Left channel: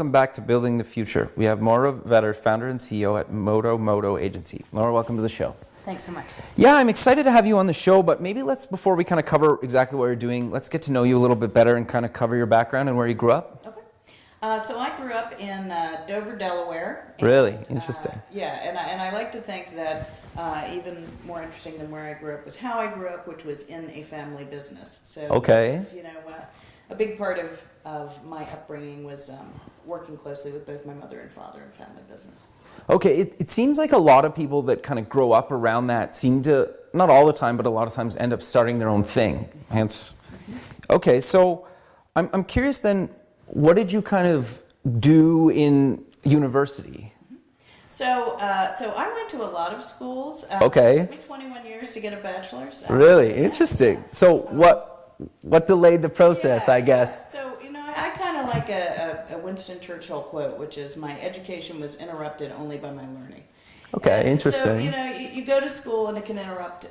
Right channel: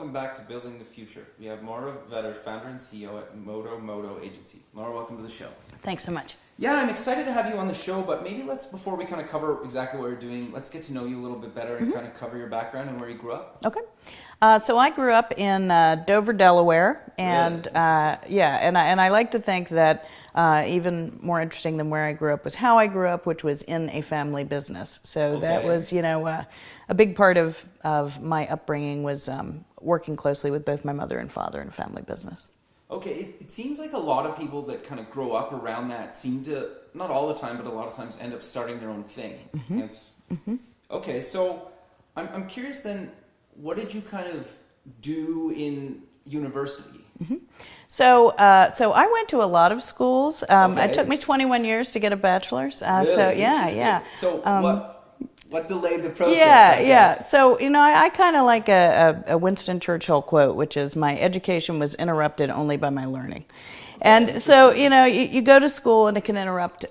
welcome back to Building the Future. We have Moira, founder and CEO at Modo Modo Agency. Moira, welcome to the show. Thanks so much. Yeah, I'm excited to have you on the show, but maybe before we kind of cover exactly what you're doing, let's get to know you a little bit better and kind of cover your background and where you grew up. Okay. So I grew up in Dover, Delaware. And, really? Interesting. Yeah, and I like to think that even more interesting than where I grew up was how I grew up, which was in a family business. So that was, a big part of my upbringing was working closely with both my mother and father in a family business. Okay, it seems like a lot of people that kind of grow up around that seem to, not all the time, but a lot of times end up starting their own thing. Mm-hmm. Hence, okay, so I'm curious then, what did you kind of do in university? Mm-hmm. So I went to a lot of schools. Okay. It took me 21 years to get a bachelor's. Really? Interesting. Yeah. So what delayed the process, I guess? Yeah. So, I kind of like a Winston Churchill quote, which is, my education was interrupted only by my learning. Okay, and interesting. so, you go to school and it can interrupt,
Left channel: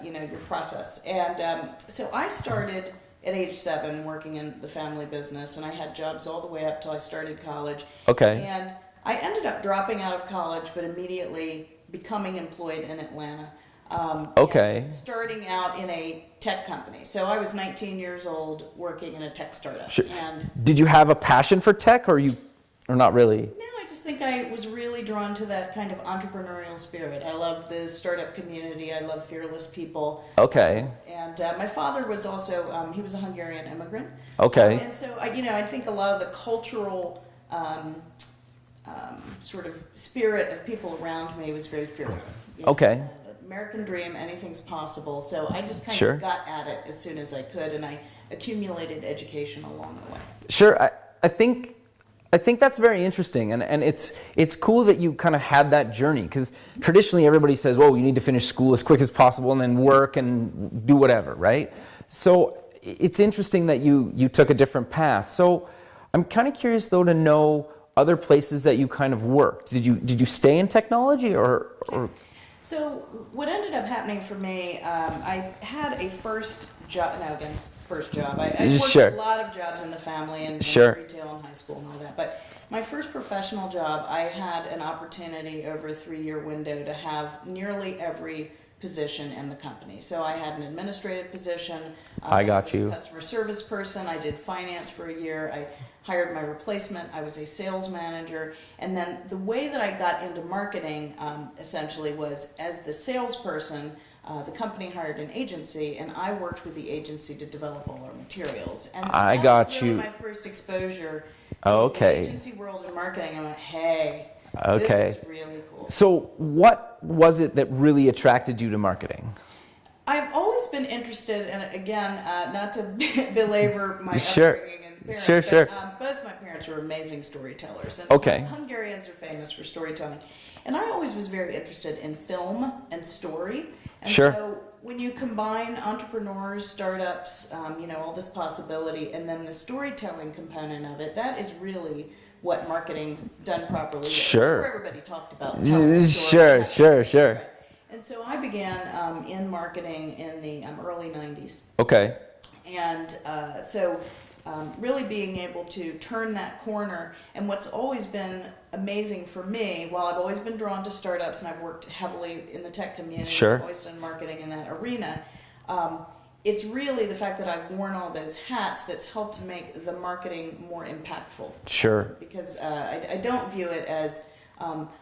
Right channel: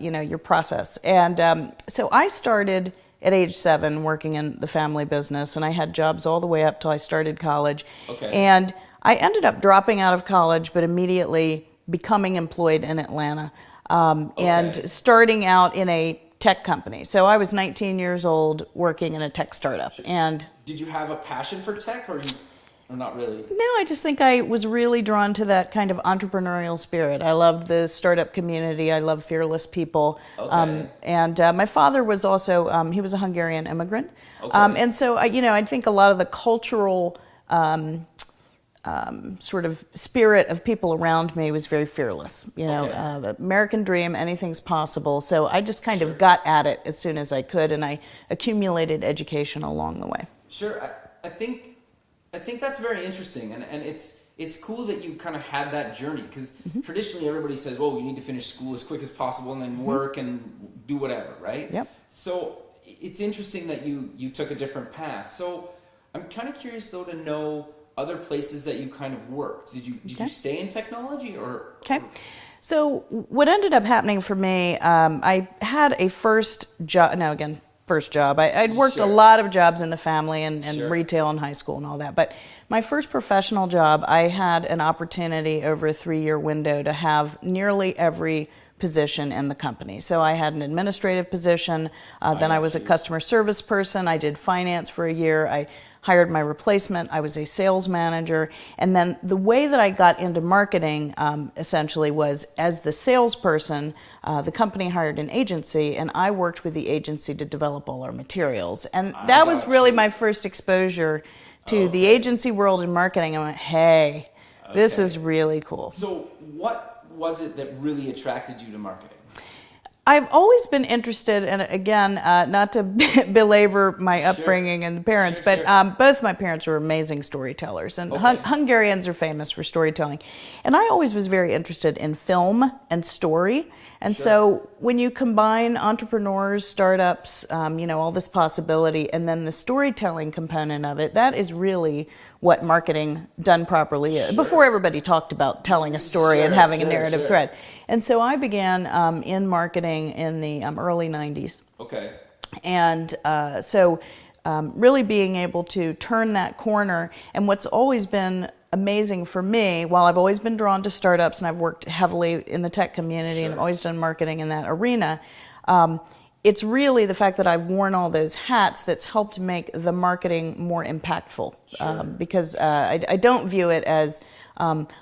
your process. And so I started at age 7 working in the family business, and I had jobs all the way up till I started college. Okay. And I ended up dropping out of college, but immediately becoming employed in Atlanta and starting out in a tech company. So I was 19 years old working in a tech startup. Sure. And did you have a passion for tech, or not really? No, I just think I was really drawn to that kind of entrepreneurial spirit. I loved the startup community. I love fearless people. Okay. And my father was also, he was a Hungarian immigrant. Okay. And so, I think a lot of the cultural sort of spirit of people around me was very fearless. The American dream, anything's possible. So I just kind of got at it as soon as I could, and I accumulated education along the way. Sure, I think that's very interesting, and it's cool that you kind of had that journey, because traditionally everybody says, well, you need to finish school as quick as possible and then work and do whatever, right? Yep. So it's interesting that you took a different path. So I'm kind of curious though to know other places that you kind of worked. Did you stay in technology or? So what ended up happening for me, I had a first job. I'd worked a lot of jobs in the family and retail and high school and all that. But my first professional job, I had an opportunity over a 3-year window to have nearly every position in the company. So I had an administrative position, then I was a customer service person, I did finance for a year, I hired my replacement, I was a sales manager, and then the way that I got into marketing essentially was, as the salesperson, the company hired an agency, and I worked with the agency to develop all our materials. And that was really my first exposure to the agency world in marketing. I went, hey, this is really cool. So what was it that really attracted you to marketing? I've always been interested, and again, not to belabor my upbringing and the parents, but both my parents were amazing storytellers, and Hungarians are famous for storytelling. And I always was very interested in film and story. And so when you combine entrepreneurs, startups, all this possibility, and then the storytelling component of it, that is really what marketing done properly is. Before everybody talked about telling a story and having a narrative thread. And so I began in marketing in the early 90s. Okay. And really being able to turn that corner. And what's always been amazing for me, while I've always been drawn to startups and I've worked heavily in the tech community, I've always done marketing in that arena, it's really the fact that I've worn all those hats that's helped make the marketing more impactful. Because I don't view it as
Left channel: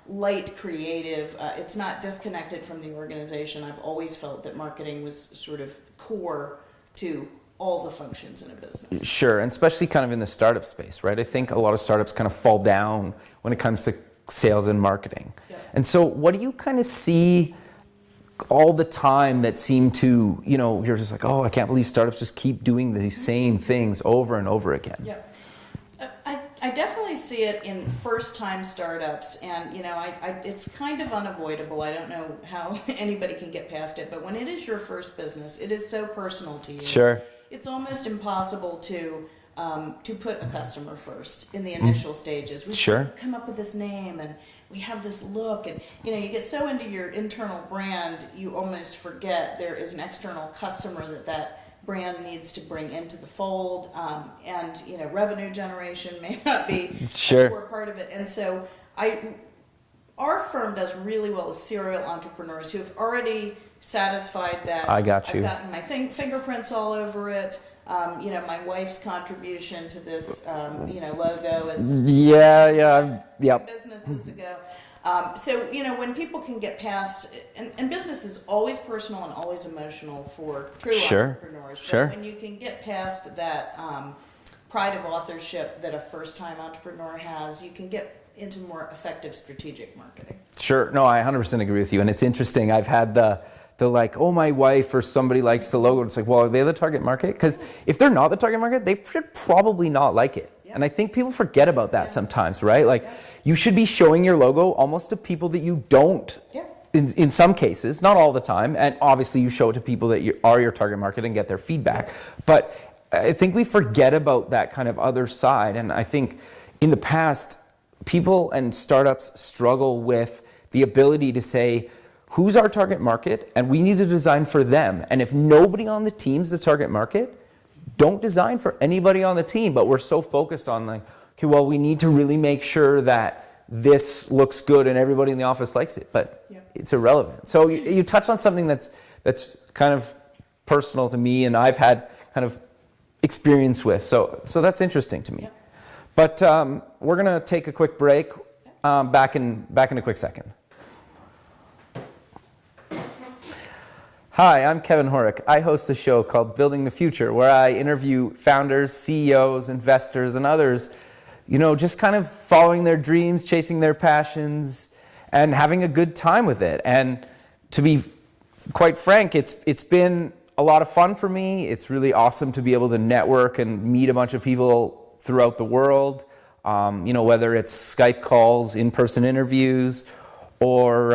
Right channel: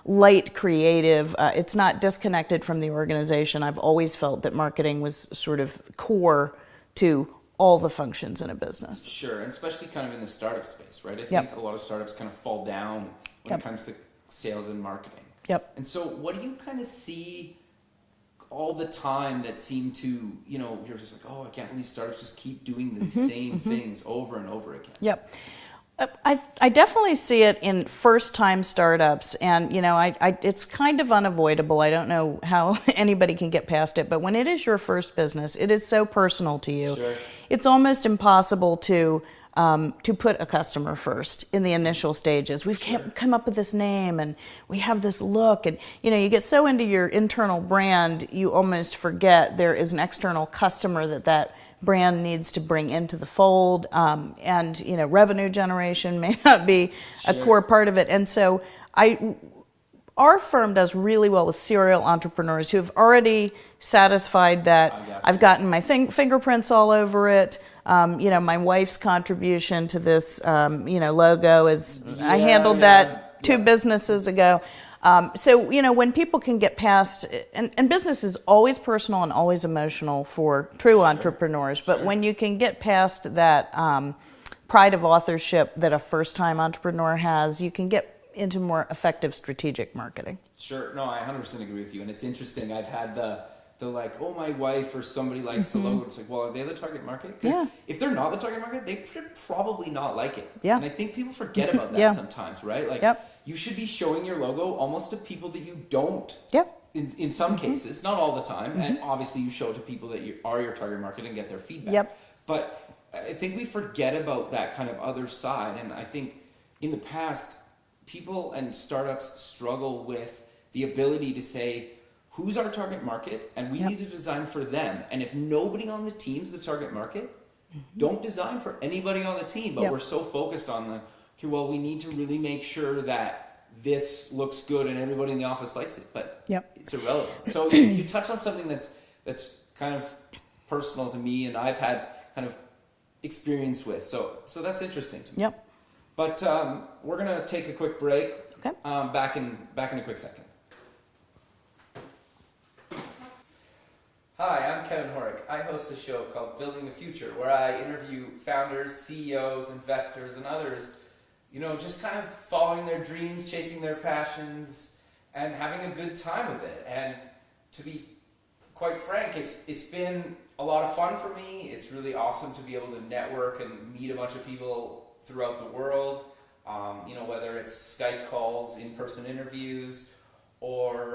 light creative. It's not disconnected from the organization. I've always felt that marketing was sort of core to all the functions in a business. Sure, and especially kind of in the startup space, right? I think a lot of startups kind of fall down when it comes to sales and marketing. And so what do you kind of see all the time that seem to, you're just like, oh, I can't believe startups just keep doing these same things over and over again? I definitely see it in first-time startups, and it's kind of unavoidable. I don't know how anybody can get past it, but when it is your first business, it is so personal to you. It's almost impossible to put a customer first in the initial stages. We come up with this name, and we have this look, and you get so into your internal brand, you almost forget there is an external customer that brand needs to bring into the fold, and revenue generation may not be a core part of it. And so our firm does really well with serial entrepreneurs who have already satisfied that I've gotten my fingerprints all over it. My wife's contribution to this, logo is I handled that 2 businesses ago. So when people can get past, and business is always personal and always emotional for true entrepreneurs, but when you can get past that pride of authorship that a first-time entrepreneur has, you can get into more effective strategic marketing. Sure. No, I 100% agree with you. And it's interesting. I've had the like, oh, my wife or somebody likes the logo. It's like, well, are they the target market? Because if they're not the target market, they should probably not like it. And I think people forget about that sometimes, right? Like, you should be showing your logo almost to people that you don't. In some cases, not all the time. And obviously you show it to people that are your target market and get their feedback. But I think we forget about that kind of other side. And I think in the past, people and startups struggle with the ability to say, who's our target market? And we need to design for them. And if nobody on the team's the target market, don't design for anybody on the team. But we're so focused on like, okay, well, we need to really make sure that this looks good and everybody in the office likes it. But it's irrelevant. So you touch on something that's kind of personal to me and I've had kind of experience with. So that's interesting to me. But we're going to take a quick break. Back in a quick second. Hi, I'm Kevin Horick. I host a show called Building the Future, where I interview founders, CEOs, investors, and others, just kind of following their dreams, chasing their passions, and having a good time with it. And to be quite frank, it's been a lot of fun for me. It's really awesome to be able to network and meet a bunch of people throughout the world, whether it's Skype calls, in-person interviews, or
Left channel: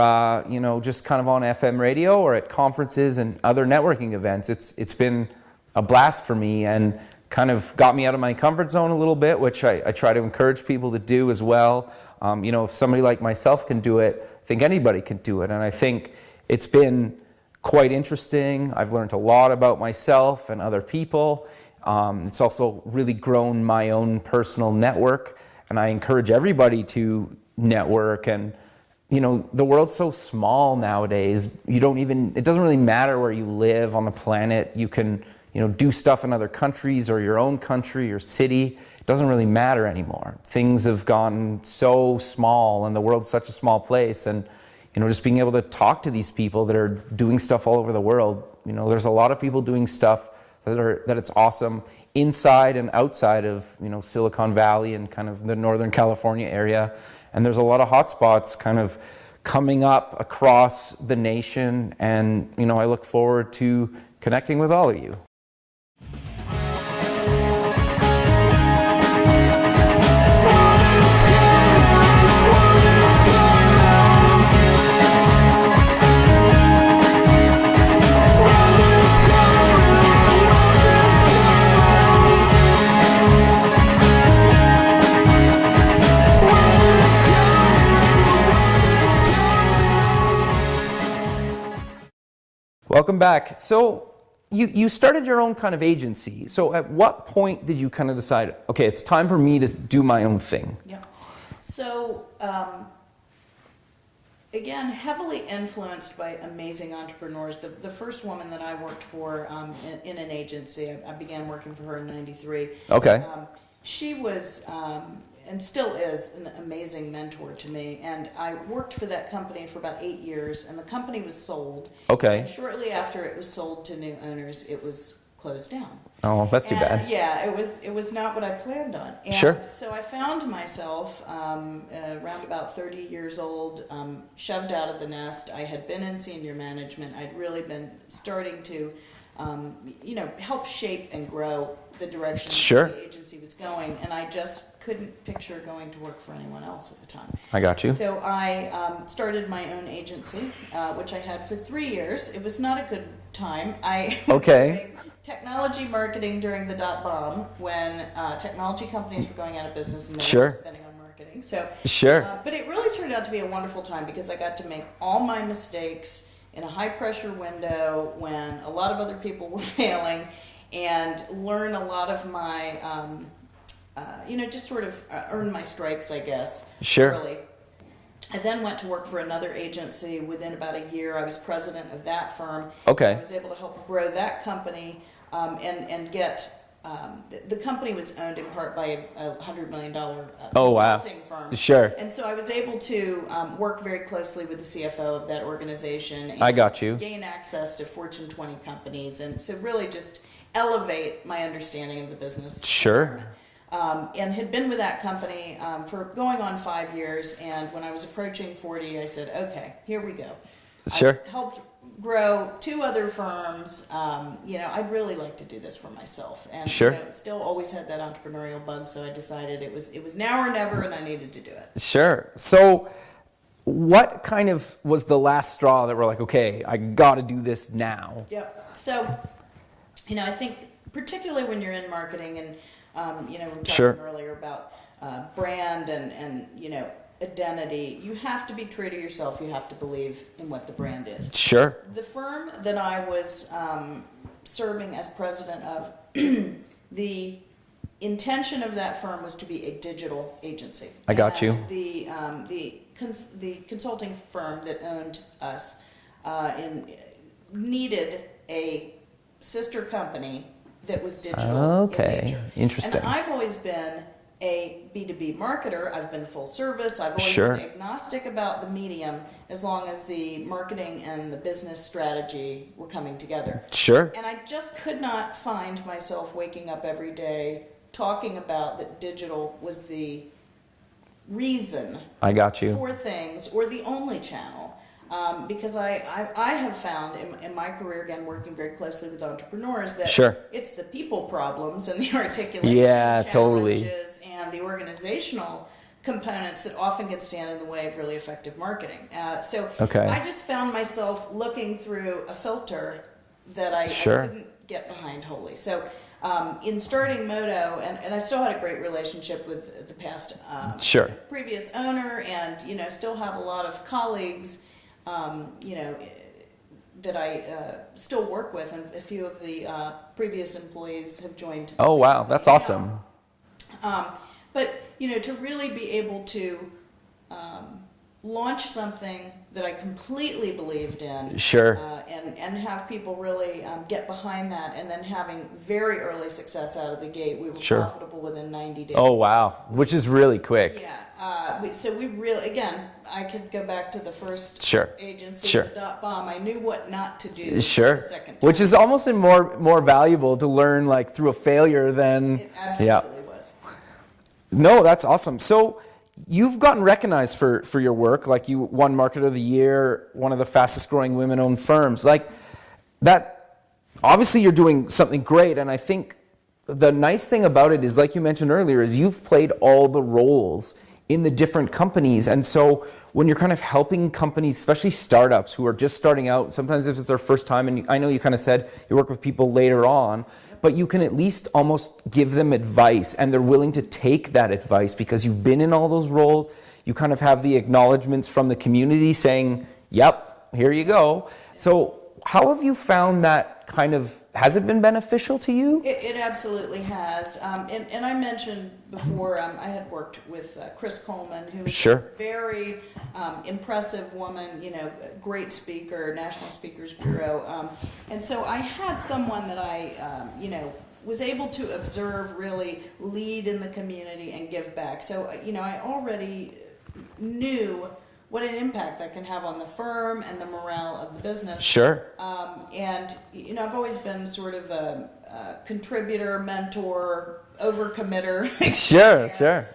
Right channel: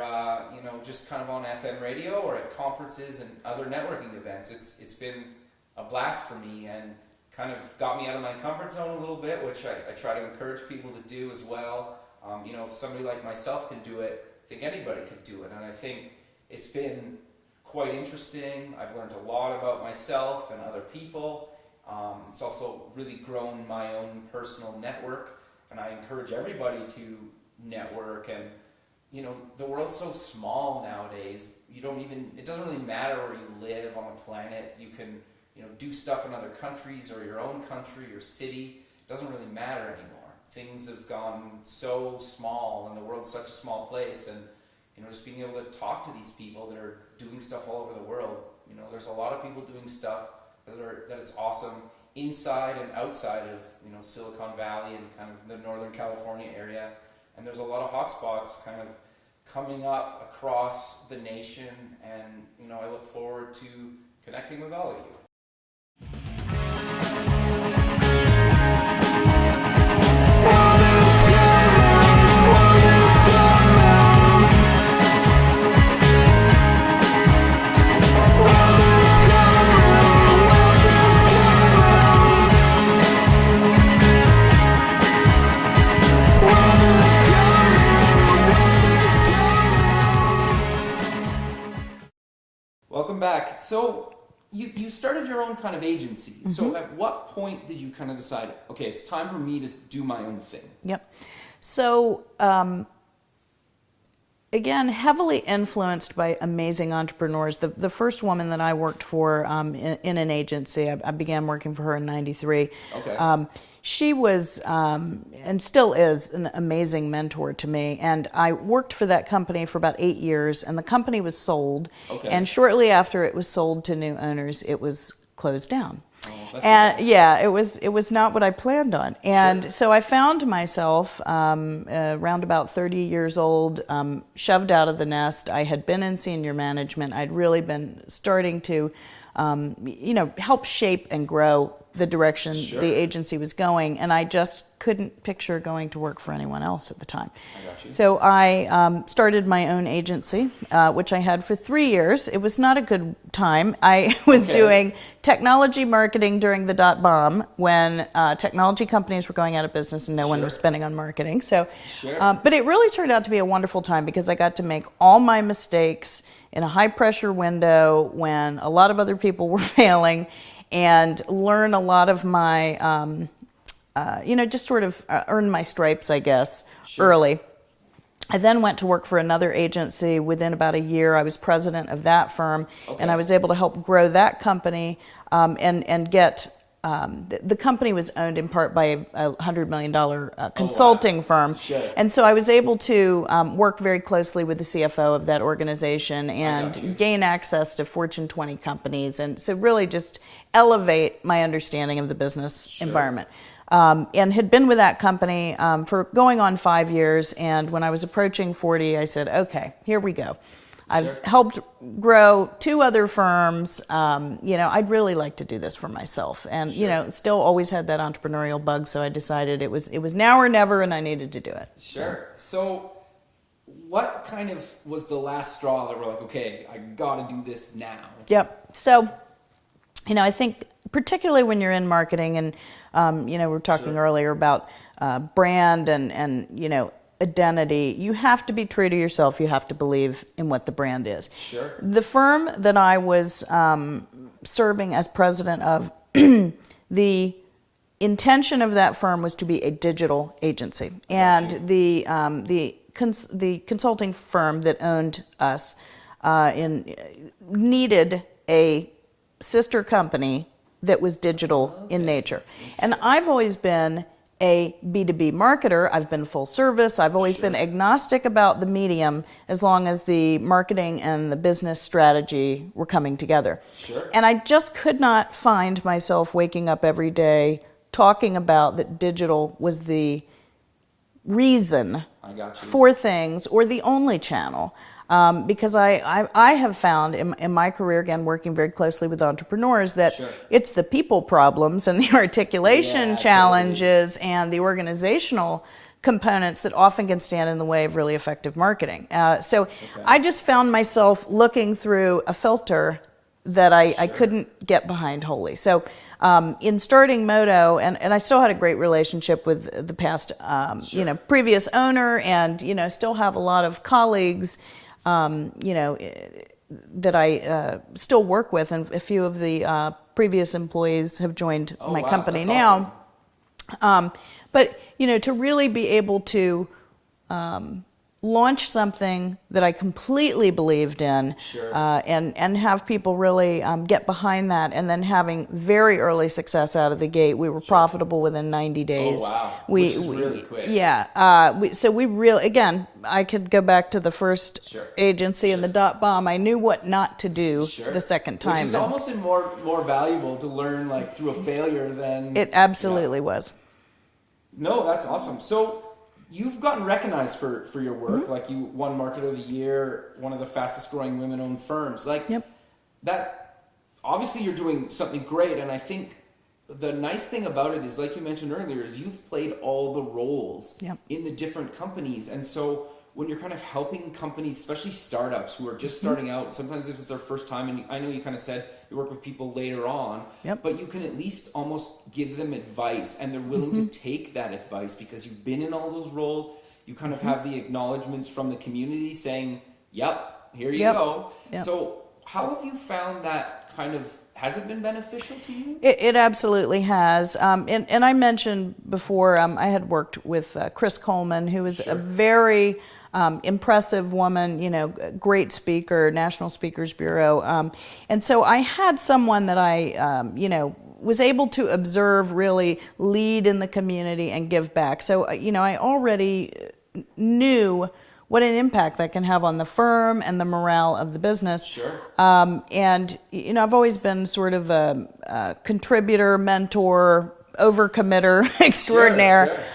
just kind of on FM radio or at conferences and other networking events. It's been a blast for me and kind of got me out of my comfort zone a little bit, which I try to encourage people to do as well. If somebody like myself can do it, I think anybody can do it. And I think it's been quite interesting. I've learned a lot about myself and other people. It's also really grown my own personal network, and I encourage everybody to network. And the world's so small nowadays. It doesn't really matter where you live on the planet. You can, do stuff in other countries or your own country or city. It doesn't really matter anymore. Things have gotten so small and the world's such a small place. And, just being able to talk to these people that are doing stuff all over the world. There's a lot of people doing stuff that it's awesome inside and outside of, Silicon Valley and kind of the Northern California area. And there's a lot of hotspots kind of coming up across the nation. And, I look forward to connecting with all of you. Welcome back. So you started your own kind of agency. So at what point did you kind of decide, okay, it's time for me to do my own thing? So again, heavily influenced by amazing entrepreneurs. The first woman that I worked for in an agency, I began working for her in '93. She was, and still is, an amazing mentor to me. And I worked for that company for about 8 years, and the company was sold. And shortly after it was sold to new owners, it was closed down. Oh, that's too bad. Yeah, it was not what I planned on. And so I found myself around about 30 years old, shoved out of the nest. I had been in senior management. I'd really been starting to, help shape and grow the direction the agency was going, and I just couldn't picture going to work for anyone else at the time. I got you. So I started my own agency, which I had for 3 years. It was not a good time. I was doing technology marketing during the dot-bomb when technology companies were going out of business and no one was spending on marketing. So, but it really turned out to be a wonderful time because I got to make all my mistakes in a high-pressure window when a lot of other people were failing. and learn a lot of my, just sort of earn my stripes, I guess, early. I then went to work for another agency. Within about a year, I was president of that firm, and I was able to help grow that company and get. The company was owned in part by a $100 million consulting firm. Sure. And so I was able to work very closely with the CFO of that organization and gain access to Fortune 20 companies. And so really just elevate my understanding of the business environment. And had been with that company for going on 5 years. And when I was approaching 40, I said, okay, here we go. I've helped grow 2 other firms. I'd really like to do this for myself. And, still always had that entrepreneurial bug. So I decided it was now or never, and I needed to do it. Sure. So what kind of was the last straw that we're like, okay, I got to do this now? Yep. So, I think particularly when you're in marketing and, we were talking earlier about brand and identity, you have to be true to yourself. You have to believe in what the brand is. Sure. The firm that I was serving as president of, the intention of that firm was to be a digital agency. I got you. The consulting firm that owned us needed a sister company that was digital in nature. Interesting. And I've always been a B2B marketer. I've been full service. I've always been agnostic about the medium as long as the marketing and the business strategy were coming together. Sure. And I just could not find myself waking up every day talking about that digital was the reason for things or the only channel. Because I have found in my career, again, working very closely with entrepreneurs, that it's the people problems and the articulation challenges and the organizational components that often can stand in the way of really effective marketing. I just found myself looking through a filter that I couldn't get behind wholly. So in starting Modo, and I still had a great relationship with the past previous owner, and still have a lot of colleagues that I still work with, and a few of the previous employees have joined my company now. Awesome. But to really be able to launch something that I completely believed in, and have people really get behind that, and then having very early success out of the gate. We were profitable within 90 days. Oh wow, which is really quick. Yeah. So we really, again, I could go back to the first agency and the .bomb. I knew what not to do the second time. Which is almost more valuable to learn like through a failure than... It absolutely was. No, that's awesome. So you've gotten recognized for your work. Like you won Marketer of the Year, one of the fastest growing women-owned firms. Like that, obviously you're doing something great. And I think the nice thing about it is, like you mentioned earlier, is you've played all the roles in the different companies. And so when you're kind of helping companies, especially startups who are just starting out, sometimes if it's their first time, and I know you kind of said you work with people later on, but you can at least almost give them advice, and they're willing to take that advice because you've been in all those roles. You kind of have the acknowledgments from the community saying, yep, here you go. So how have you found that kind of, has it been beneficial to you? It absolutely has. And I mentioned before, I had worked with Chris Coleman, who was a very impressive woman, great speaker, National Speakers Bureau. And so I had someone that I, was able to observe really lead in the community and give back. So, I already knew what an impact that can have on the firm and the morale of the business. And, I've always been sort of a contributor, mentor, overcommitter extraordinaire.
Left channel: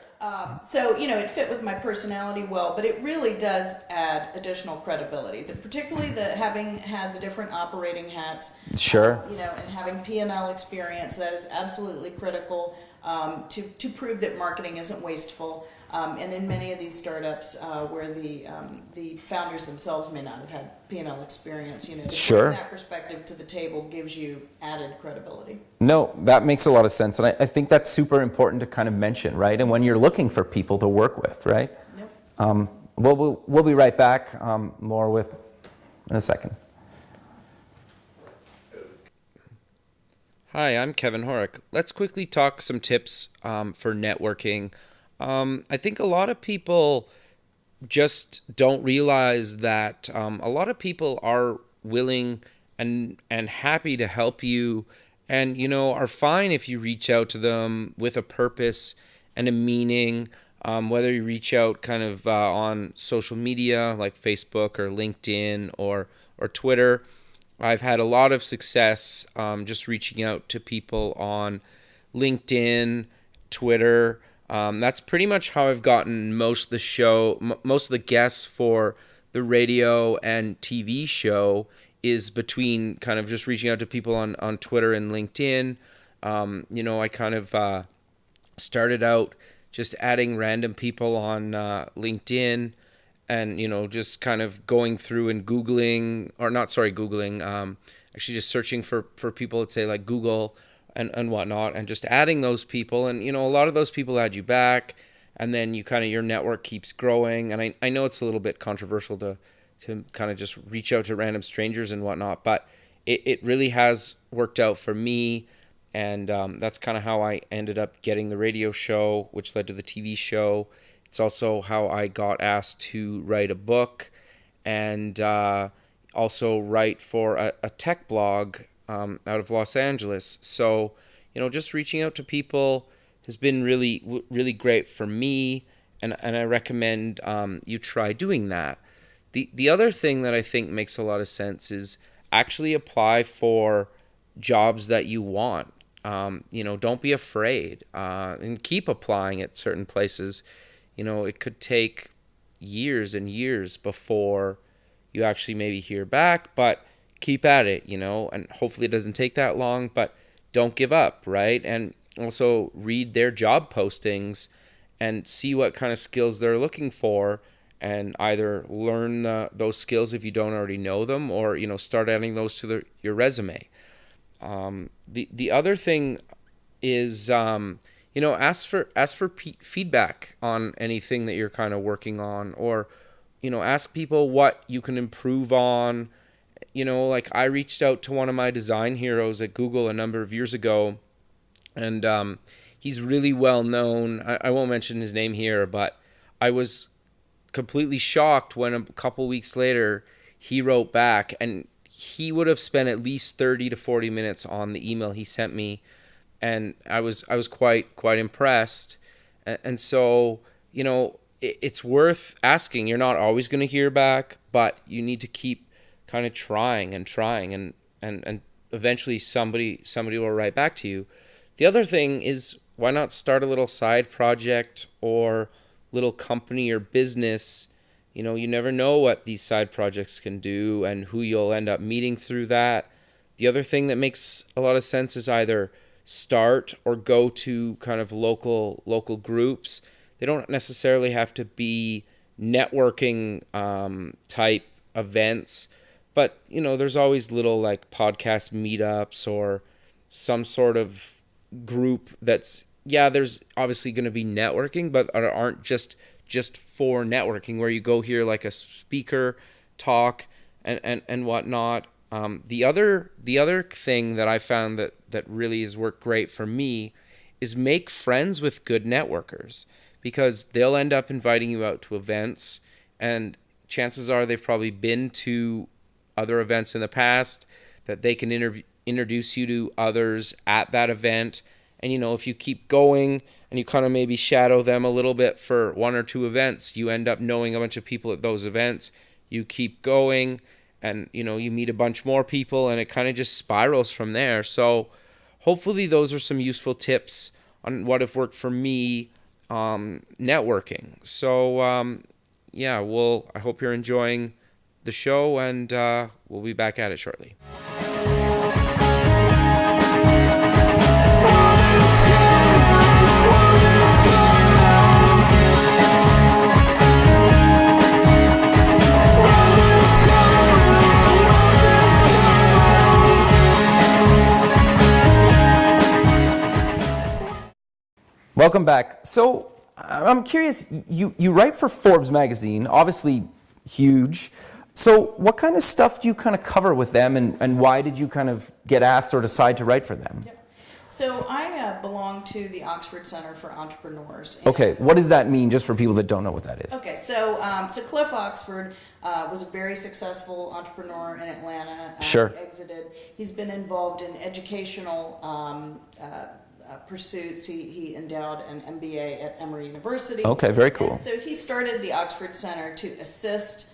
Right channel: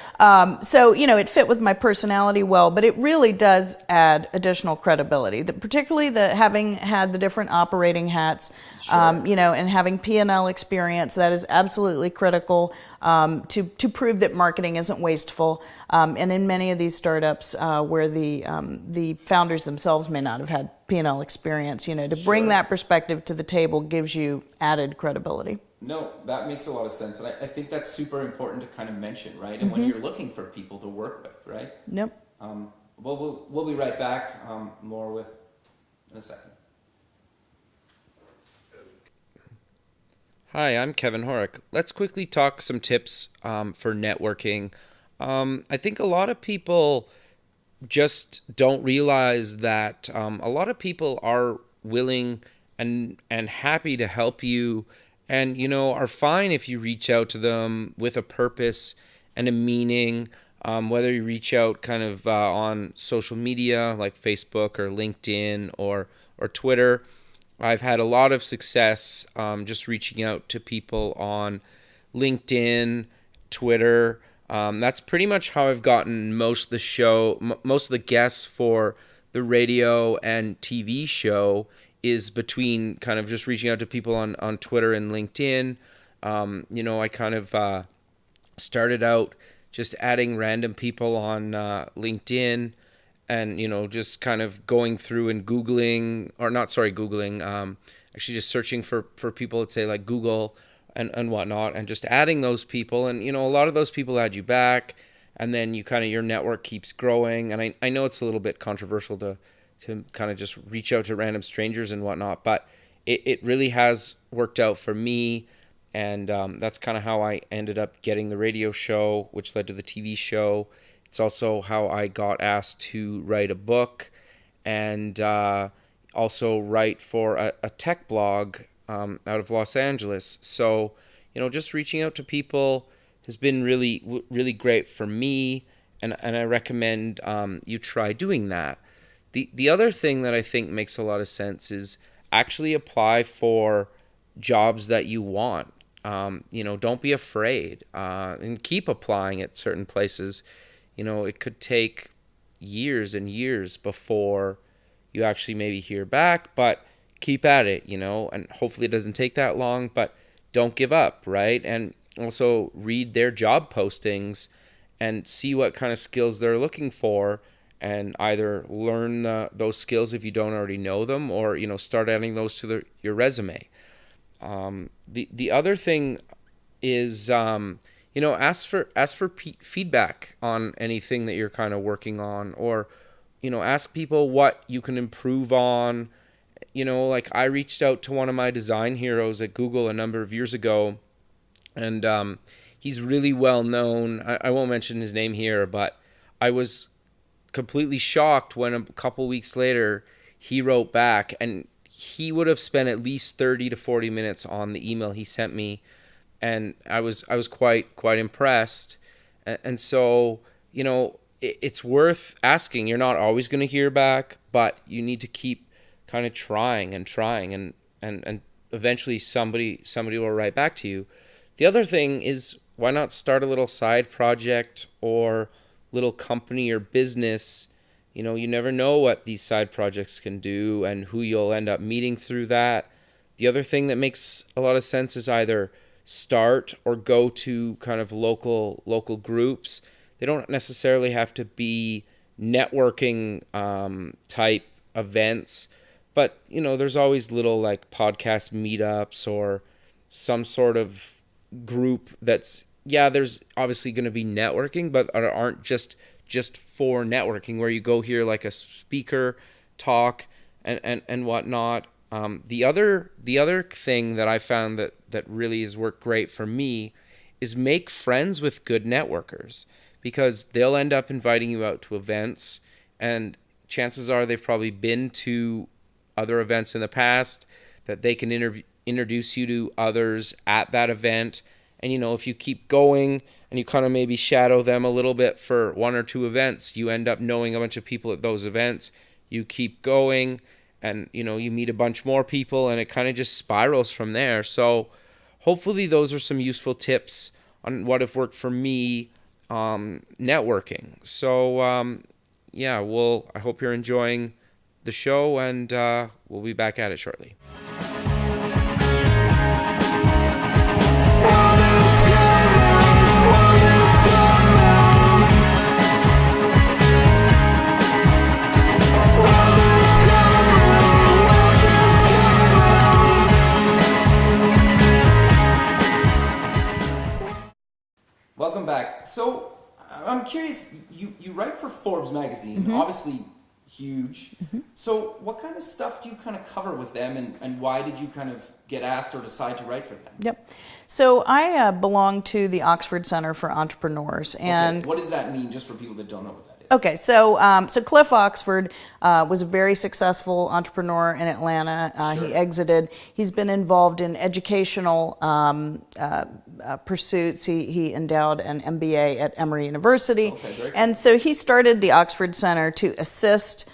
So, it fit with my personality well, but it really does add additional credibility. Particularly having had the different operating hats, and having P&L experience, that is absolutely critical to prove that marketing isn't wasteful. And in many of these startups where the founders themselves may not have had P&L experience, to bring that perspective to the table gives you added credibility. No, that makes a lot of sense. And I think that's super important to kind of mention, right? And when you're looking for people to work with, right? We'll be right back more in a second. Hi, I'm Kevin Horick. Let's quickly talk some tips for networking. I think a lot of people just don't realize that a lot of people are willing and happy to help you, and are fine if you reach out to them with a purpose and a meaning. Whether you reach out kind of on social media like Facebook or LinkedIn or Twitter. I've had a lot of success just reaching out to people on LinkedIn, Twitter. That's pretty much how I've gotten most of the guests for the radio and TV show is between kind of just reaching out to people on Twitter and LinkedIn. I kind of started out just adding random people on LinkedIn. And, just kind of going through and actually just searching for people at, say, like Google and whatnot, and just adding those people. And, a lot of those people add you back, and then your network keeps growing. And I know it's a little bit controversial to kind of just reach out to random strangers and whatnot, but it really has worked out for me. And that's kind of how I ended up getting the radio show, which led to the TV show. It's also how I got asked to write a book and also write for a tech blog out of Los Angeles. So, just reaching out to people has been really, really great for me, and I recommend you try doing that. The other thing that I think makes a lot of sense is actually apply for jobs that you want. Don't be afraid and keep applying at certain places. It could take years and years before you actually maybe hear back, but keep at it, and hopefully it doesn't take that long, but don't give up, right? And also read their job postings and see what kind of skills they're looking for, and either learn those skills if you don't already know them, or, start adding those to your resume. The other thing is, ask for feedback on anything that you're kind of working on, or, ask people what you can improve on. Like I reached out to one of my design heroes at Google a number of years ago, and he's really well known. I won't mention his name here, but I was completely shocked when a couple weeks later he wrote back, and he would have spent at least 30 to 40 minutes on the email he sent me. And I was quite impressed. And so, it's worth asking. You're not always going to hear back, but you need to keep kind of trying, and eventually somebody will write back to you. The other thing is, why not start a little side project or little company or business? You never know what these side projects can do and who you'll end up meeting through that. The other thing that makes a lot of sense is either start or go to kind of local groups. They don't necessarily have to be networking type events, but there's always little like podcast meetups or some sort of group that's, there's obviously going to be networking, but aren't just for networking, where you go hear like a speaker talk and whatnot. The other thing that I found that really has worked great for me is make friends with good networkers, because they'll end up inviting you out to events, and chances are they've probably been to other events in the past, that they can introduce you to others at that event. And if you keep going and you kind of maybe shadow them a little bit for one or two events, you end up knowing a bunch of people at those events. You keep going, and you meet a bunch more people, and it kind of just spirals from there. So hopefully those are some useful tips on what have worked for me networking. So I hope you're enjoying the show, and we'll be back at it shortly. Welcome back. So I'm curious, you write for Forbes magazine, obviously huge. So what kind of stuff do you kind of cover with them, and why did you kind of get asked or decide to write for them? Yep. So I belong to the Oxford Center for Entrepreneurs. And okay, what does that mean, just for people that don't know what that is? Okay, so Cliff Oxford was a very successful entrepreneur in Atlanta. Sure. He exited. He's been involved in educational pursuits. He endowed an MBA at Emory University. Okay, very cool. And so he started the Oxford Center to assist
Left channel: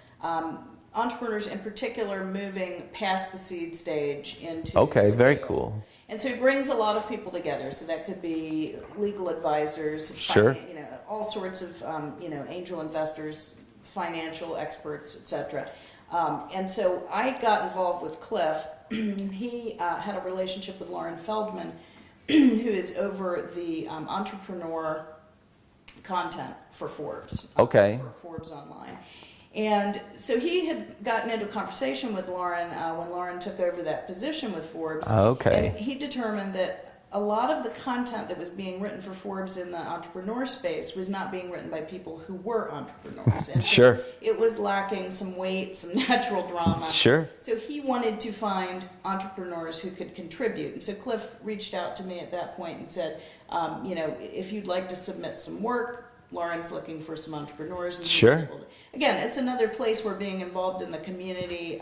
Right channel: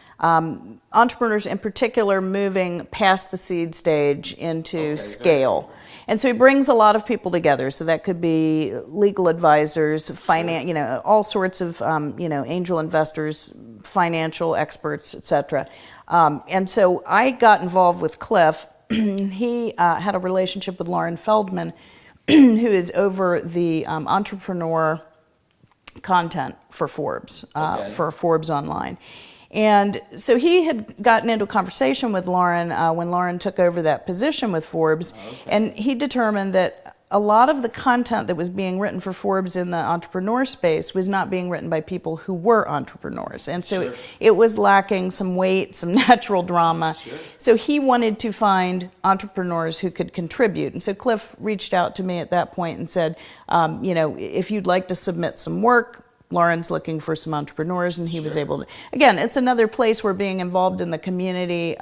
entrepreneurs in particular moving past the seed stage into scale. Very cool. And so he brings a lot of people together. So that could be legal advisors, finance, all sorts of, angel investors, financial experts, etc. And so I got involved with Cliff. He had a relationship with Lauren Feldman, who is over the entrepreneur content for Forbes, for Forbes Online. And so he had gotten into a conversation with Lauren when Lauren took over that position with Forbes. And he determined that a lot of the content that was being written for Forbes in the entrepreneur space was not being written by people who were entrepreneurs. And so it was lacking some weight, some natural drama. So he wanted to find entrepreneurs who could contribute. And so Cliff reached out to me at that point and said, if you'd like to submit some work, Lauren's looking for some entrepreneurs, and he was able to. Again, it's another place where being involved in the community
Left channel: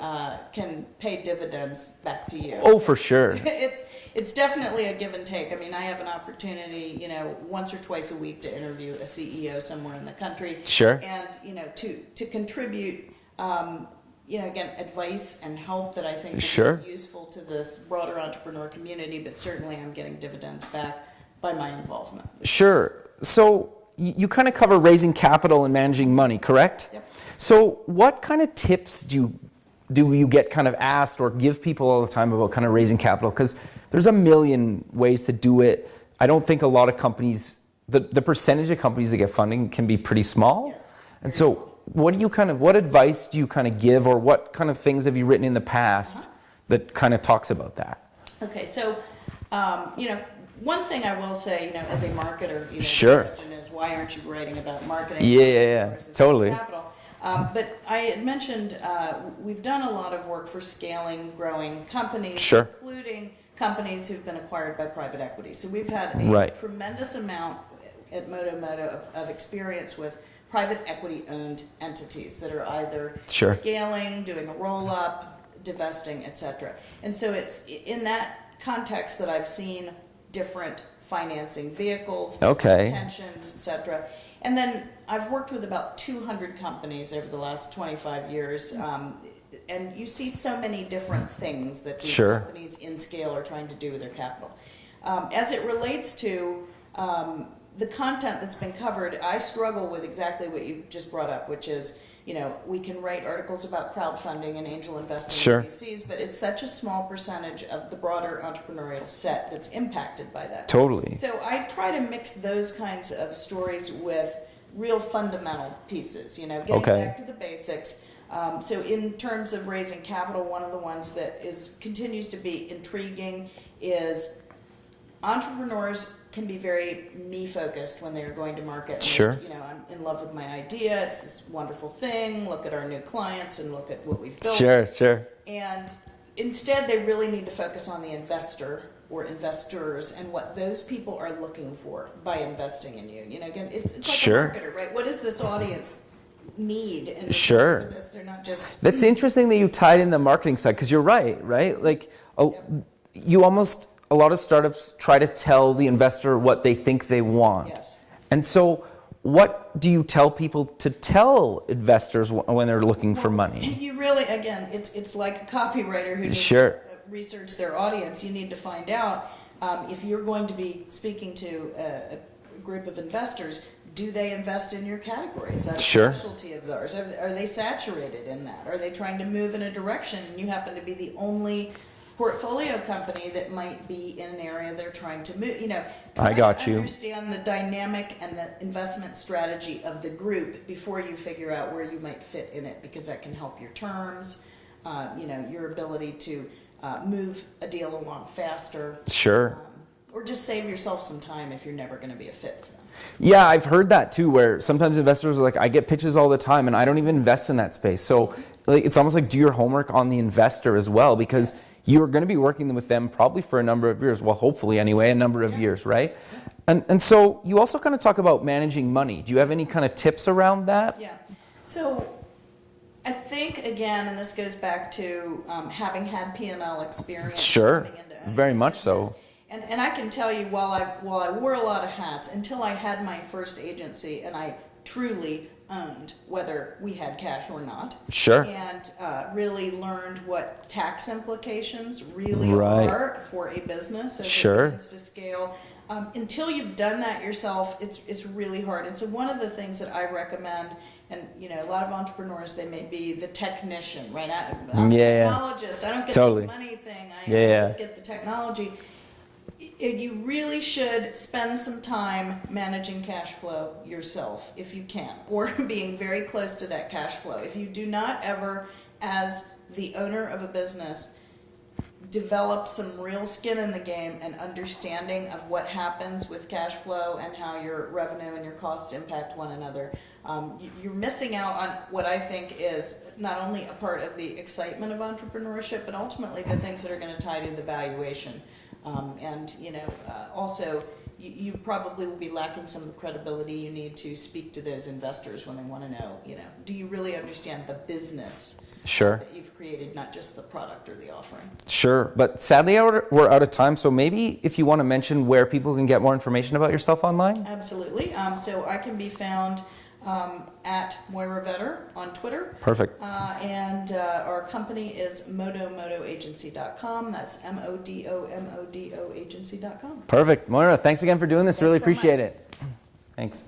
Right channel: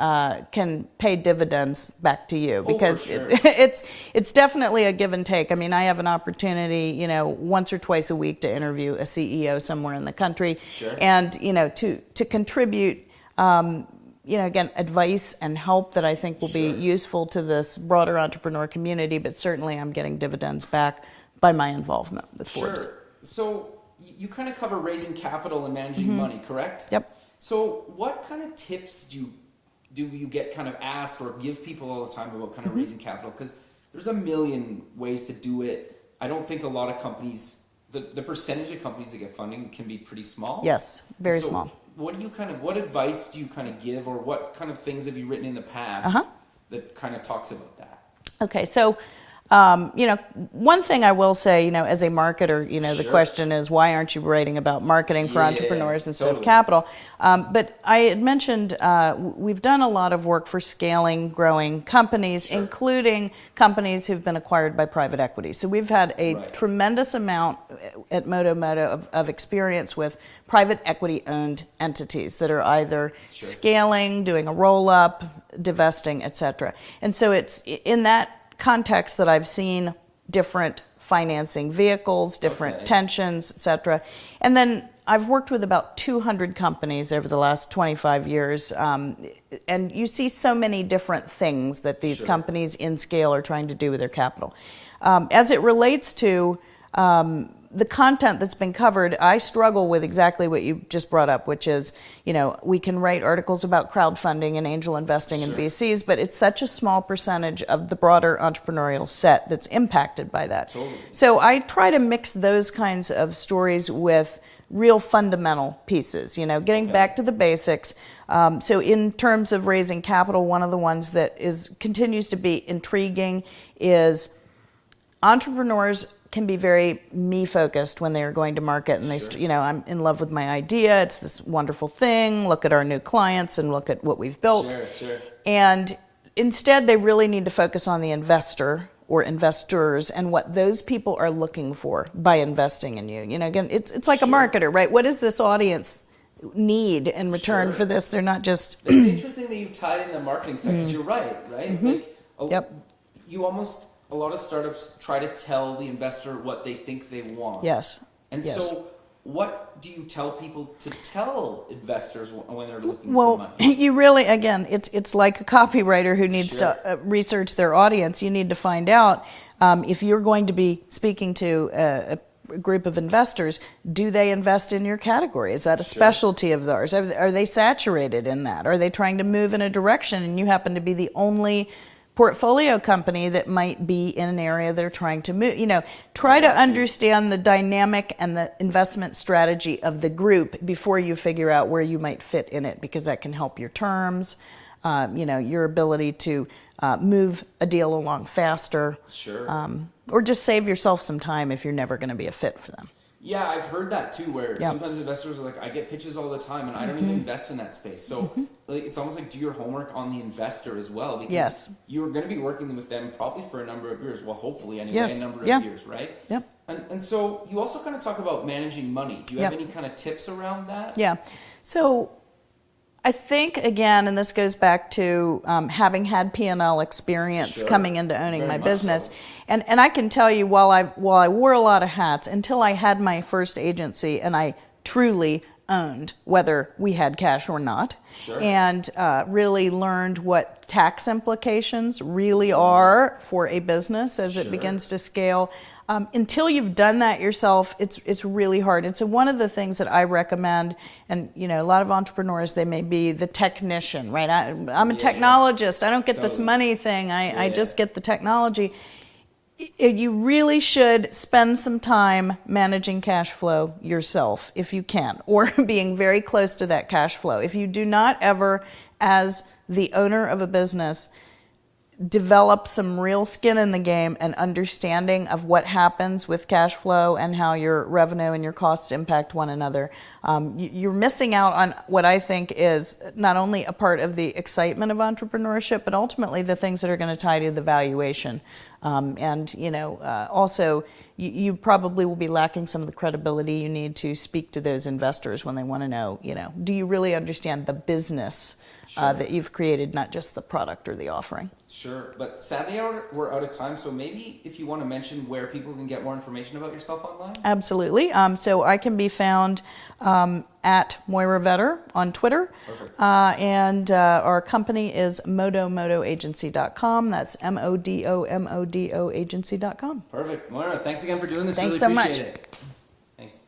can pay dividends back to you. Oh, for sure. It's definitely a give and take. I mean, I have an opportunity, once or twice a week to interview a CEO somewhere in the country. And to contribute. Again, advice and help that I think will be useful to this broader entrepreneur community. But certainly, I'm getting dividends back by my involvement. So you kind of cover raising capital and managing money, correct? Yep. So what kind of tips do you get kind of asked or give people all the time about kind of raising capital? Because there's a million ways to do it. I don't think a lot of companies, the percentage of companies that get funding can be pretty small. Yes, very small. So what advice do you kind of give, or what kind of things have you written in the past that kind of talks about that? Okay, so one thing I will say, as a marketer, the question is, why aren't you writing about marketing for entrepreneurs instead of capital? But I had mentioned we've done a lot of work for scaling, growing companies, including companies who've been acquired by private equity. So we've had a tremendous amount at Modo Modo of experience with private equity-owned entities that are either scaling, doing a roll-up, divesting, etc. And so it's in that context that I've seen different financing vehicles, different tensions, etc. And then I've worked with about 200 companies over the last 25 years, and you see so many different things that these companies in scale are trying to do with their capital. As it relates to the content that's been covered, I struggle with exactly what you just brought up, which is, we can write articles about crowdfunding and angel investing in VCs, but it's such a small percentage of the broader entrepreneurial set that's impacted by that. So I try to mix those kinds of stories with real fundamental pieces, getting back to the basics. So in terms of raising capital, one of the ones that continues to be intriguing is entrepreneurs can be very me-focused when they are going to market. And I'm in love with my idea. It's this wonderful thing. Look at our new clients and look at what we've built. And instead, they really need to focus on the investor or investors and what those people are looking for by investing in you. Again, it's like a marketer, right? What does this audience need in return for this? They're not just... That's interesting that you tied in the marketing side, because you're right? Like, you almost... A lot of startups try to tell the investor what they think they want. And so what do you tell people to tell investors when they're looking for money? You really, again, it's like a copywriter who needs to research their audience. You need to find out if you're going to be speaking to a group of investors, do they invest in your category? Is that a specialty of theirs? Are they saturated in that? Are they trying to move in a direction and you happen to be the only portfolio company that might be in an area they're trying to move? Try to understand the dynamic and the investment strategy of the group before you figure out where you might fit in it, because that can help your terms, your ability to move a deal along faster. or just save yourself some time if you're never going to be a fit for them. Yeah, I've heard that too, where sometimes investors are like, I get pitches all the time and I don't even invest in that space. So like, it's almost like do your homework on the investor as well, because you're going to be working with them probably for a number of years. Well, hopefully anyway, a number of years, right? Yeah. And so you also kind of talk about managing money. Do you have any kind of tips around that? Yeah. So I think, again, and this goes back to having had P&L experience coming into owning my business. So. And I can tell you, while I wore a lot of hats, until I had my first agency and I truly owned whether we had cash or not. Sure. And really learned what tax implications really are for a business as it begins to scale. Until you've done that yourself, it's really hard. And so one of the things that I recommend, and you know, a lot of entrepreneurs, they may be the technician, right? I'm a technologist. I don't get this money thing. I just get the technology. You really should spend some time managing cash flow yourself if you can, or being very close to that cash flow. If you do not ever, as the owner of a business, develop some real skin in the game and understanding of what happens with cash flow and how your revenue and your costs impact one another, you're missing out on what I think is not only a part of the excitement of entrepreneurship, but ultimately the things that are going to tie to the valuation. And you know, also you probably will be lacking some of the credibility you need to speak to those investors when they want to know, you know, do you really understand the business that you've created, not just the product or the offering? Sure. But sadly, we're out of time. So maybe if you want to mention where people can get more information about yourself online? Absolutely. So I can be found at Moira Vetter on Twitter. Perfect. And our company is modomodoagency.com. That's MODOMODO agency.com. Perfect. Moira, thanks again for doing this. Thanks really appreciate so much. it. Thanks.